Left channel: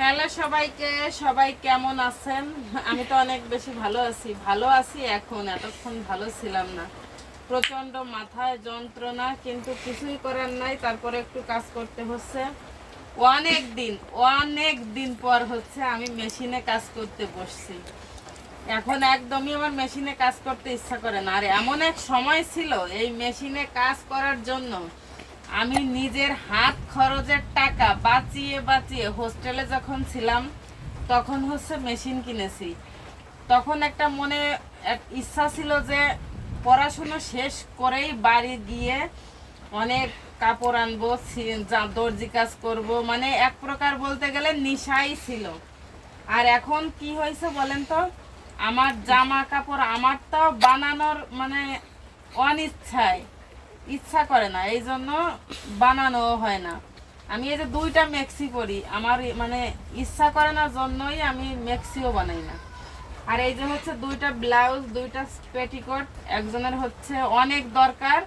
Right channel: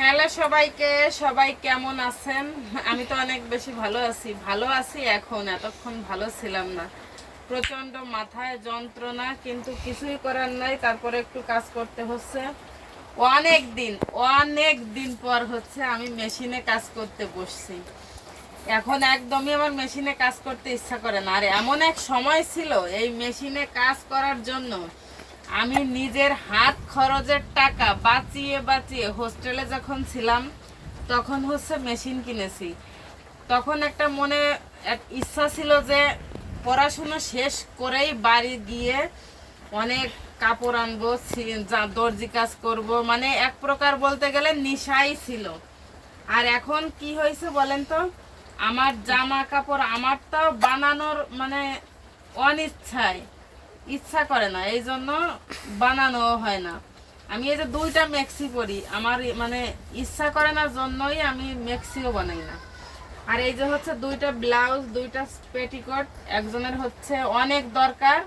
Hello সবাইকে, সবাই কেমন আছেন? আমি তো অনেক বেশি ভালো আছি। এখন এতক্ষণ ভালো ছিলাম না, প্রচন্ড মাথায় যন্ত্রণা, কিন্তু কিছুই করার নাই। তারপরে একটু কাজ করতে হচ্ছে। অনেক দিন অনেক দিন পর হচ্ছে আমি মেশিনে কাজ করতে বসছি। এখন একদমই আমার মেশিনে কাজ করতে ইচ্ছা করে না। আর এমন এক সময় ছিল এই মেশিনে কাজ করার জন্য আমি নিজের হাত খরচের টাকা বাঁচিয়ে বাঁচিয়ে হোস্টেলে যখন ছিলাম তখন হচ্ছে মেশিন কিনেছি। তখন একটা মনে এক ইচ্ছা ছিল যে পড়াশুনো শেষ করেই বাড়ি গিয়ে অনেক কাপড় আনবো, দর্জি কাজ করব, মানে এক প্রকার বলতে গেলে নেশাই ছিল। আর এখন কি হয়েছে বলেন তো, আমার জামা কাপড় আমারটাও বানানোর মানে অনিচ্ছায়, ইচ্ছা করে না, এই জন্য বানানো হয় না। আমি এই যে দুইটা মেক্সি পরি, আমার মানে ইচ্ছা করে না জন্যই আমি মেক্সিও বানাই না। আর এই যে হচ্ছে দুইটা ব্লাউজ, দুইটা পেটিকোট একজনের হচ্ছে অনেক দরকার,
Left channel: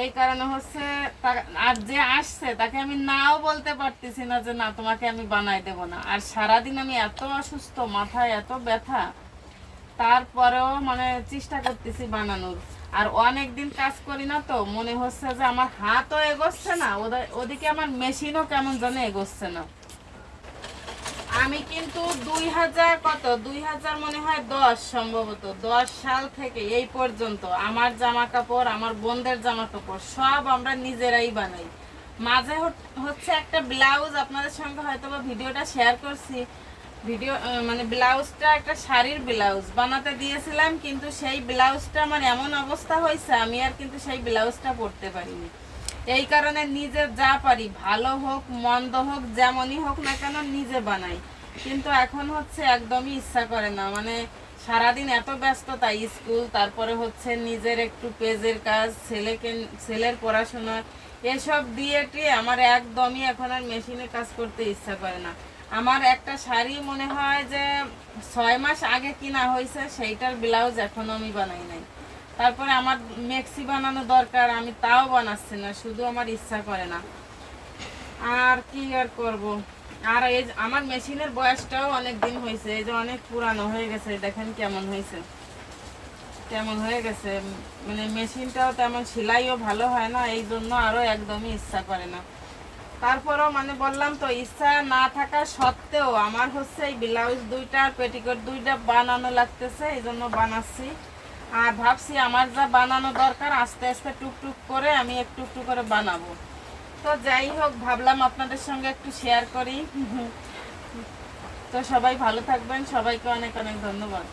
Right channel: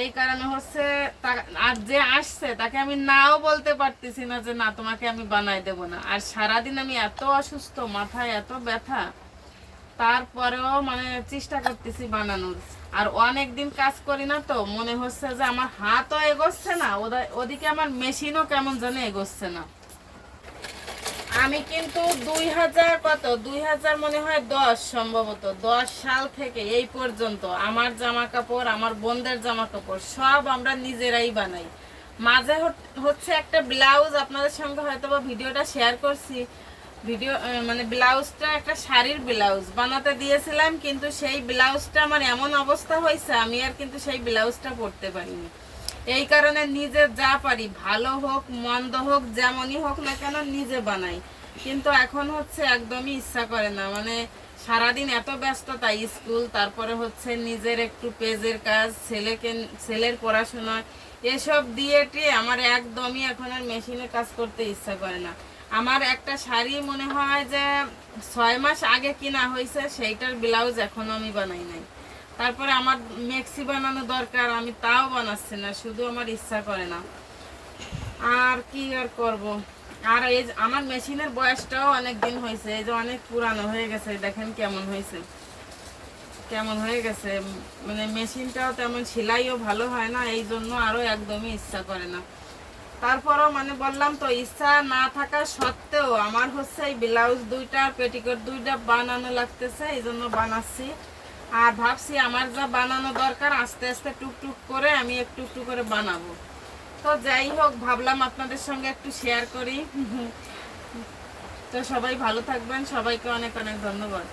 এই কারণে হচ্ছে আর যে আসছে তাকে আমি নাও বলতে পারতেছি না যে না তোমাকে আমি বানাই দেব না। আর সারাদিন আমি এত অসুস্থ, মাথায় এত ব্যথা, তারপরেও মানে চেষ্টা করতেছি বানানোর। আর অনেক দিন কাজ করি না, তো মনে হচ্ছে যে আমার হাতও এগোচ্ছে না, ওদিকে আমার মেশিনও কেমন জানে এগোচ্ছে না। আমি কিন্তু 2000 মনে হয় 10 সম্ভবত 10 সাল থেকে এই পর্যন্ত আমার জামা কাপড়, আমার বোনদের জামা কাপড় সব আমরা নিজেরাই বানাই। মাঝে হচ্ছে একটা ব্লাউজ আপনাদের সঙ্গে হয়তো বা ভিডিওটা শেয়ার করছি। মানে ব্লাউজটা একটা শাড়ির ব্লাউজ বানাতে দিয়েছিলাম, কিন্তু সেই ব্লাউজটা আমার এমন অবস্থা হয়েছে আমি আর কিন্তু সেই ব্লাউজটা পরতে পারিনি। এই কারণে নিজে যা পারি, ভালো হোক মন্দ হোক যেমনই হোক না কেন নিজে বানাই। কিন্তু এখন হচ্ছে একদমই ইচ্ছা করে না, মানে সারাদিন এত ব্যস্ততা, স্কুল, তারপরে হচ্ছে নিজের একটু পেজের কাজ, ছেলের পড়াশোনা, এসব দিয়ে টিয়ে আমার একদমই এখন আর মেশিনে কাজ করতে ইচ্ছা করে না। আমার একটা শাড়ি মনে হয় যে 6 মাস আগে কিনা হয়েছে, সেইটার ব্লাউজ এখনো আমি বানাই নাই। তারপরে আমার মেক্সি বানানো দরকার, আমি তাও বানাচ্ছি না, শুধু আমার ইচ্ছা করে না। আর কি আর করব। আর এই আমার মেশিনের বয়সটাও অনেক দিন হয়েছে, এই যে অনেক পুরানো হয়ে গেছে, দেখেন কেমন হয়েছে, কেমন হয়ে গেছে। মানে মেশিনটাও তেমন সেলাইও ভালো হয় না, এই জন্য আরো একদমই ইচ্ছা করে না। তারপরও মানে বললাম তো, ইচ্ছা না থাকা সত্ত্বেও আমার হচ্ছে এই ব্লাউজ দুইটা আর পেটিকোট দুইটা বানানো লাগতেছে, এই জন্য বানাচ্ছি। আর ভাবছি আমার যা বানানো দরকার আস্তে আস্তে টুকটুক করে আমি একটু একটু করে বানাবো। তো যাই হোক, ভাবলাম আপনাদের সঙ্গে একটু শেয়ার করি। তো সবাই ভালো থাকবেন, সবাইকে অনেক অনেক ধন্যবাদ।